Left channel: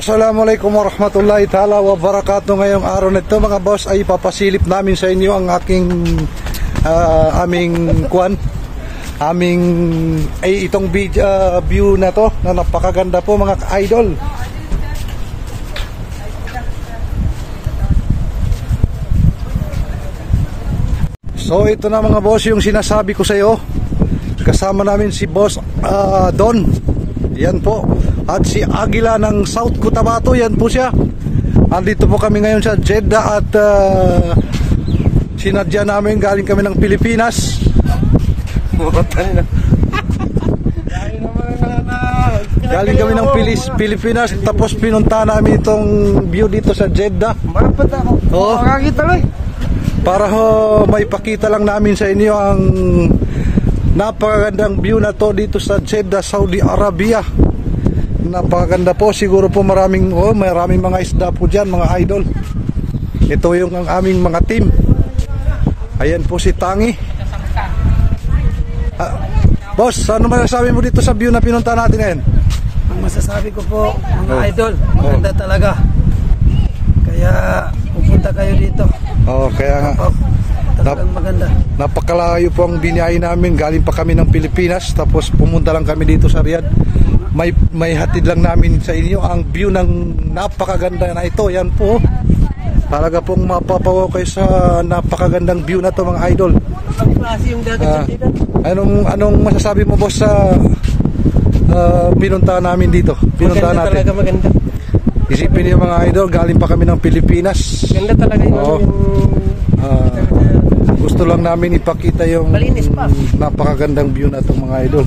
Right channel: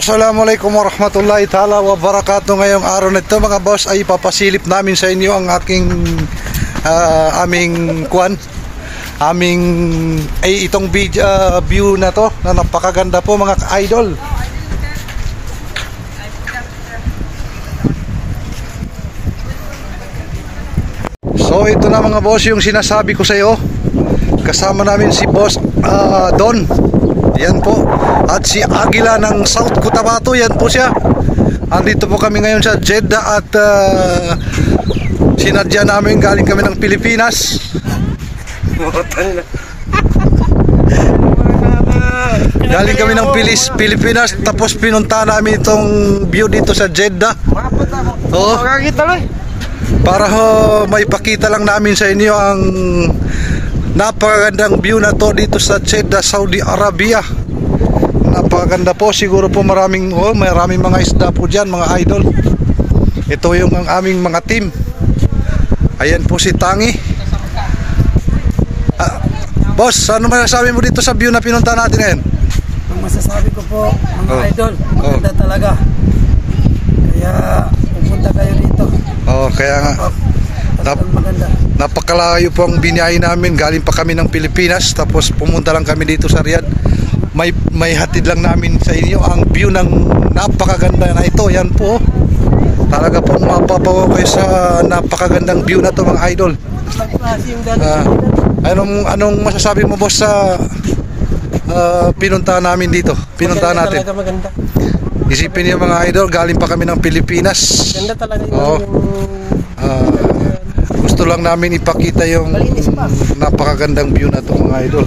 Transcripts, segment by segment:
Assalamualaikum warahmatullahi ta'ala wabarakatuh. Ngayong araw nito mga boss ay papasilip namin sa inyo ang itong view na to na napakaganda po mga idol. So ito na mga boss yung sinasabi ko sa iyo. Kasama namin si boss Don. Yan po. At si Agila ng South Cotabato, yan po siya. Andito po kami ngayon sa Jeddah at sinadya namin, galing kami ng Pilipinas. Galing kami ng Pilipinas, tapos pinunta namin itong view dito sa Jeddah. Oh, para may pakita lang namin sa inyo ang napakagandang view na to dito sa Jeddah, Saudi Arabia. Napakaganda po, siguro po maraming mga isda po dyan mga idol. Ito yung ang aming mga team. Ayan po si Tangi. Boss, ano masasabi mo dito sa view na pinunta natin ngayon? Ang masasabi ko po mga idol, maganda talaga. Kaya pupunta kayo dito. Kaya nga maganda. Napakalayo po ang biniyahe namin. Galing pa kami ng Pilipinas, tapos pumunta lang kami dito sa Riyadh. May hatid lang namin sa inyo ang view ng napakaganda na ito. Yan po, talaga pong mapapawaw kayo sa napakagandang view na to mga idol. Anong masasabi mo boss sa pinunta namin dito? Pinunta natin. Talaga maganda. Isipin niyo mga idol, galing pa kami ng Pilipinas. Ganda talaga gusto lang namin ipakita yung napakagandang view na to mga idol.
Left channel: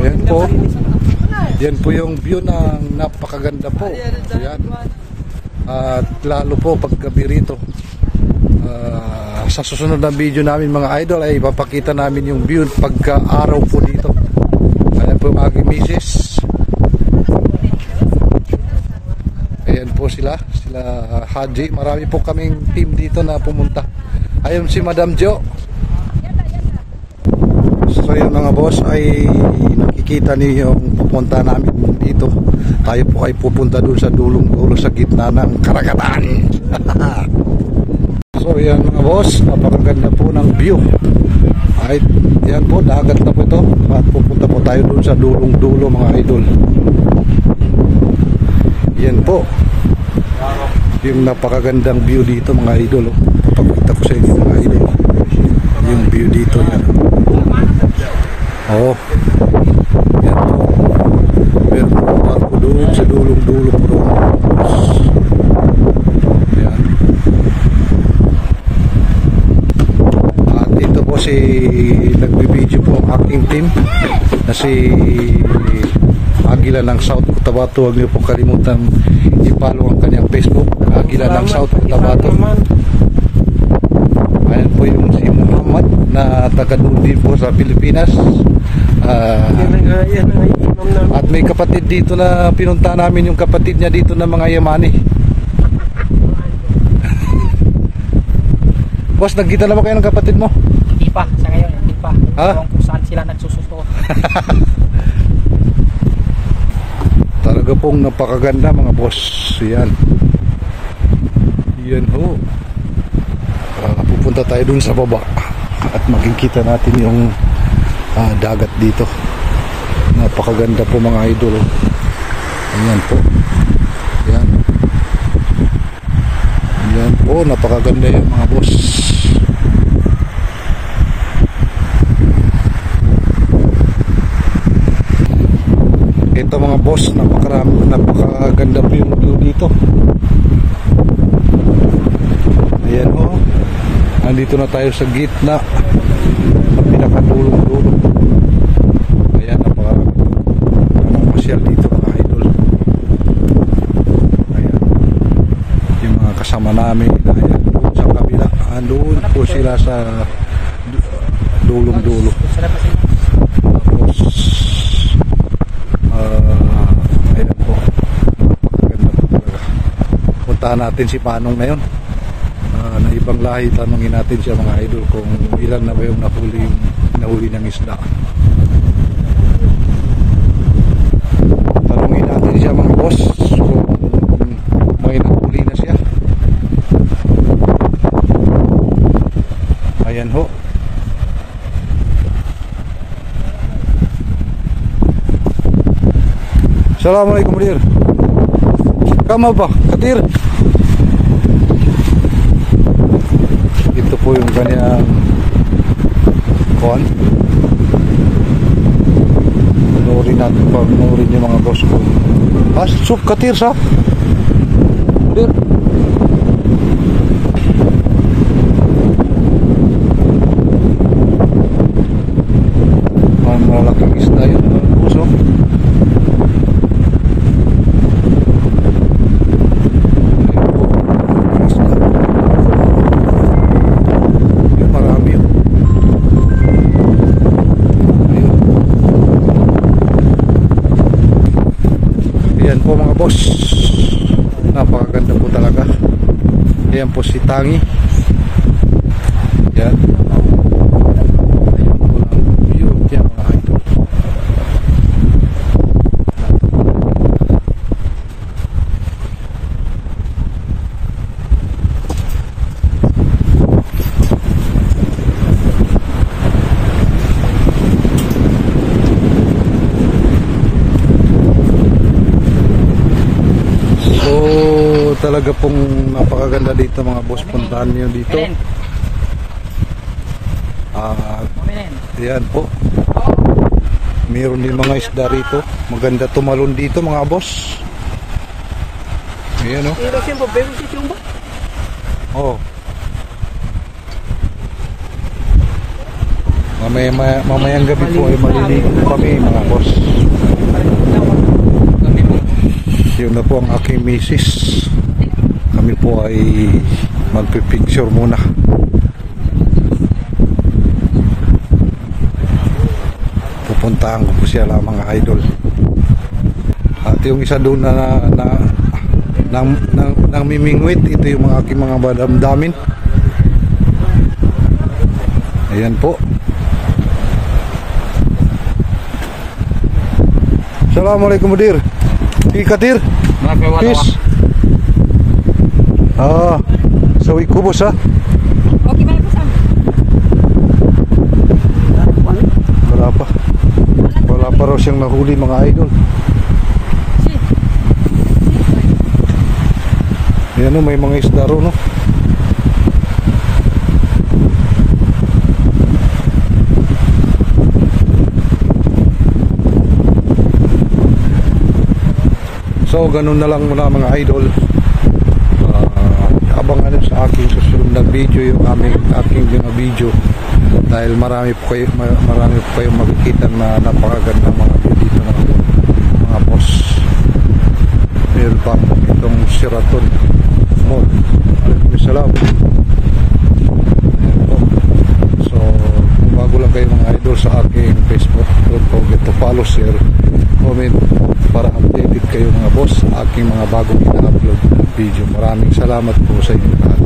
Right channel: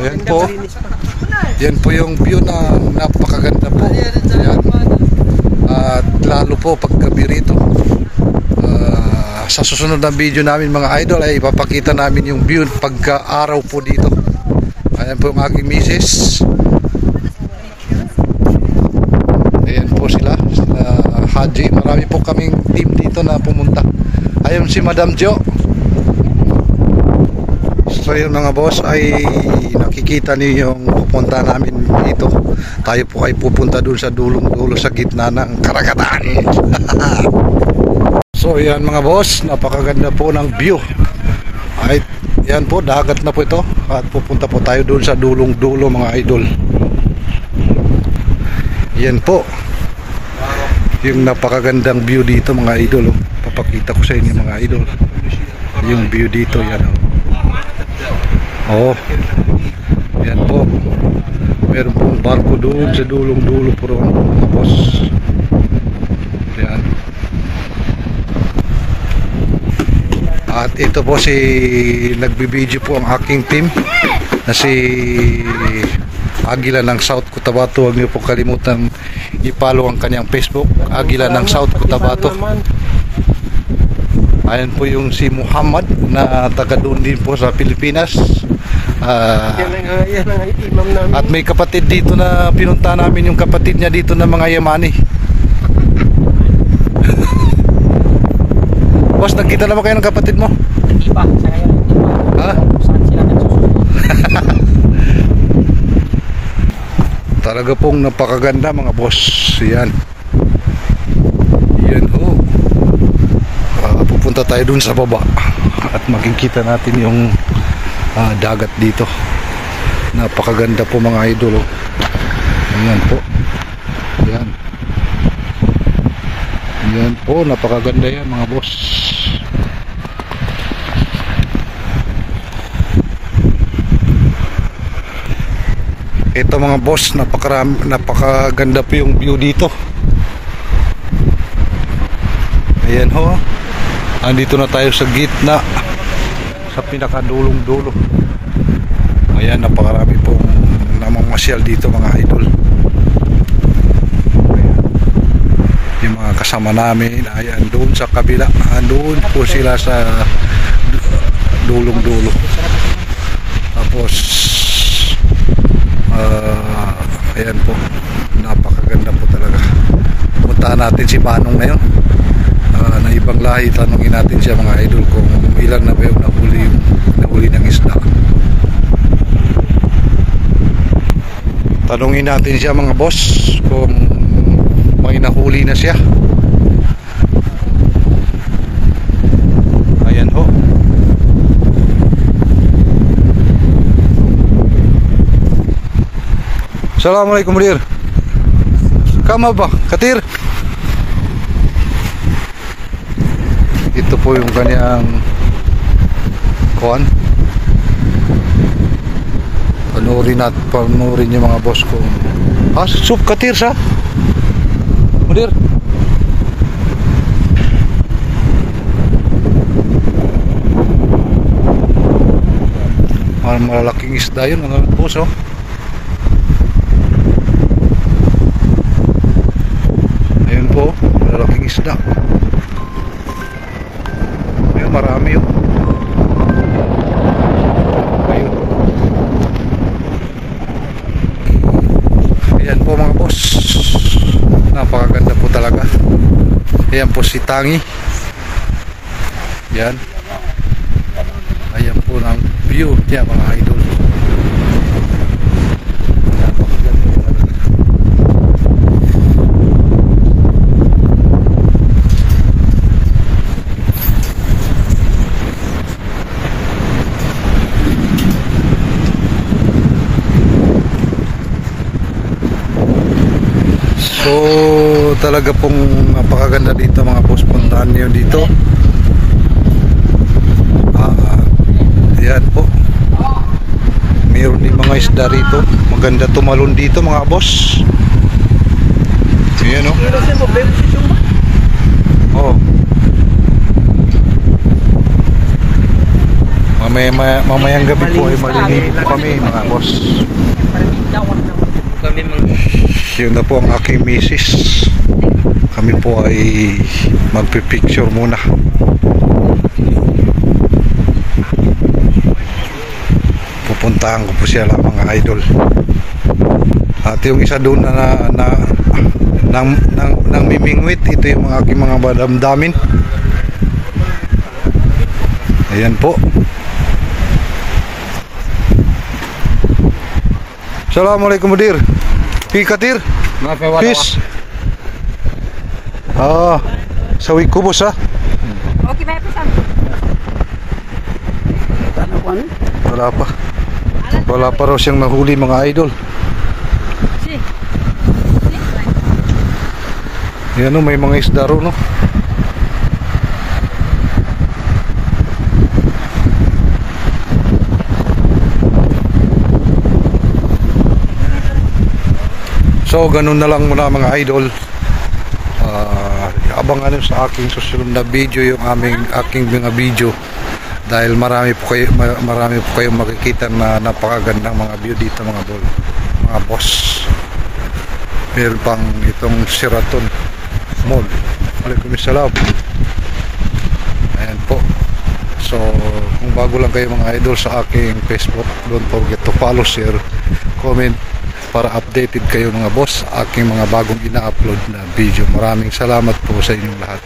Ayan po. Yan po yung view na napakaganda po. Ayan. At lalo po paggabi rito. Sa susunod na video namin mga idol ay ipapakita namin yung view pagka-araw po dito. Ayan po yung aking misis. Ayan po sila Haji. Marami po kaming team dito na pumunta. Ayan si Madam Jo. So yun mga boss, ay nakikita niyo yung pupunta namin dito. Tayo po ay pupunta dun sa dulong-dulo sa gitna ng karagatan. So yan mga boss, napakaganda po ng view. Ay, yan po, dagat na po ito. At pupunta po tayo dun sa dulong-dulo mga idol. Yan po yung napakagandang view dito mga idol. Papakita ko sa inyo mga idol yung view dito. Yan yan po, meron po barko doon sa dulong-dulo po ron. Tapos yan, at ito po si nagbibideo po ang aking team na si Agila ng South Cotabato. Huwag niyo po kalimutan i-follow ang kanyang Facebook, Agila ng South Cotabato. Ayan po yung si Muhammad na taga doon din po sa Pilipinas. At may kapatid dito na pinunta namin, yung kapatid niya dito na mga Yamani. Boss, nagkita naman kayo ng kapatid mo? Hindi pa, sa ngayon hindi pa. Kung saan sila nagsusunod. Talaga pong napakaganda mga boss. Yan ho. Pupunta tayo dun sa baba at makikita natin yung dagat dito. Napakaganda po mga idol. Ayan po. Yan po, napakaganda yan mga boss. Ito mga boss, napakaganda po yung view dito. Ayan ho. Andito na tayo sa gitna, sa pinakadulong-dulo. Ayan, napakarami po namamasyal dito mga idol. Ayan, yung mga kasama namin, ayan, doon sa kabila, doon po sila sa dulong-dulo. Tapos ayan po, napakaganda po talaga. Puntahan natin si Manong na yun, na ibang lahi. Tanungin natin siya mga idol kung ilan na ba yung nahuli ng isda. Tanungin natin siya mga boss kung may nahuli na siya. Ayan ho. Assalamualaikum Dir. Kama ba? Katir? Ito po yung kanyang kuwan. Panurin yung mga boss ko. Sup Katir sa? Dir? Malaking isda yun mga boss, oh. Ayun po, malaking isda. Ayun, marami yun. Ayun. Ayan po mga boss, napakaganda po talaga. Ayan po si Tangi. Ayan. Ayan po ang view niya mga idol. So talaga pong napakaganda dito mga boss, puntahan niyo dito. Ayan po, mayroon din mga isda rito. Maganda tumalon dito mga boss. Ayan o. Oh. Mamayang gabi po ay maliligo kami mga boss. Yun na po ang aking misis. Kami po ay magpipicture muna. Pupuntahan ko po siya lang mga idol. At yung isa doon nang mimingwit, ito yung mga aking mga badamdamin. Ayan po. Assalamualaikum Dir. Katir. Peace. Sawi ko boss ha. Okay, may pesan. Wala pa raw siyang nahuli mga idol. Yan o, may mga isda ro no. So ganun na lang muna mga idol. Abangan nyo sa aking susunod na video yung aking mga video, dahil marami po kayong makikita na napakagandang mga view dito mga boss. Meron pang itong Sheraton Mall. Waalaikumsalam. Ayan po. So kung bago lang kayo mga idol sa aking Facebook, don't forget to follow, share, comment para updated kayo mga boss sa aking mga bagong ina-upload na video. Maraming salamat po sa inyong lahat.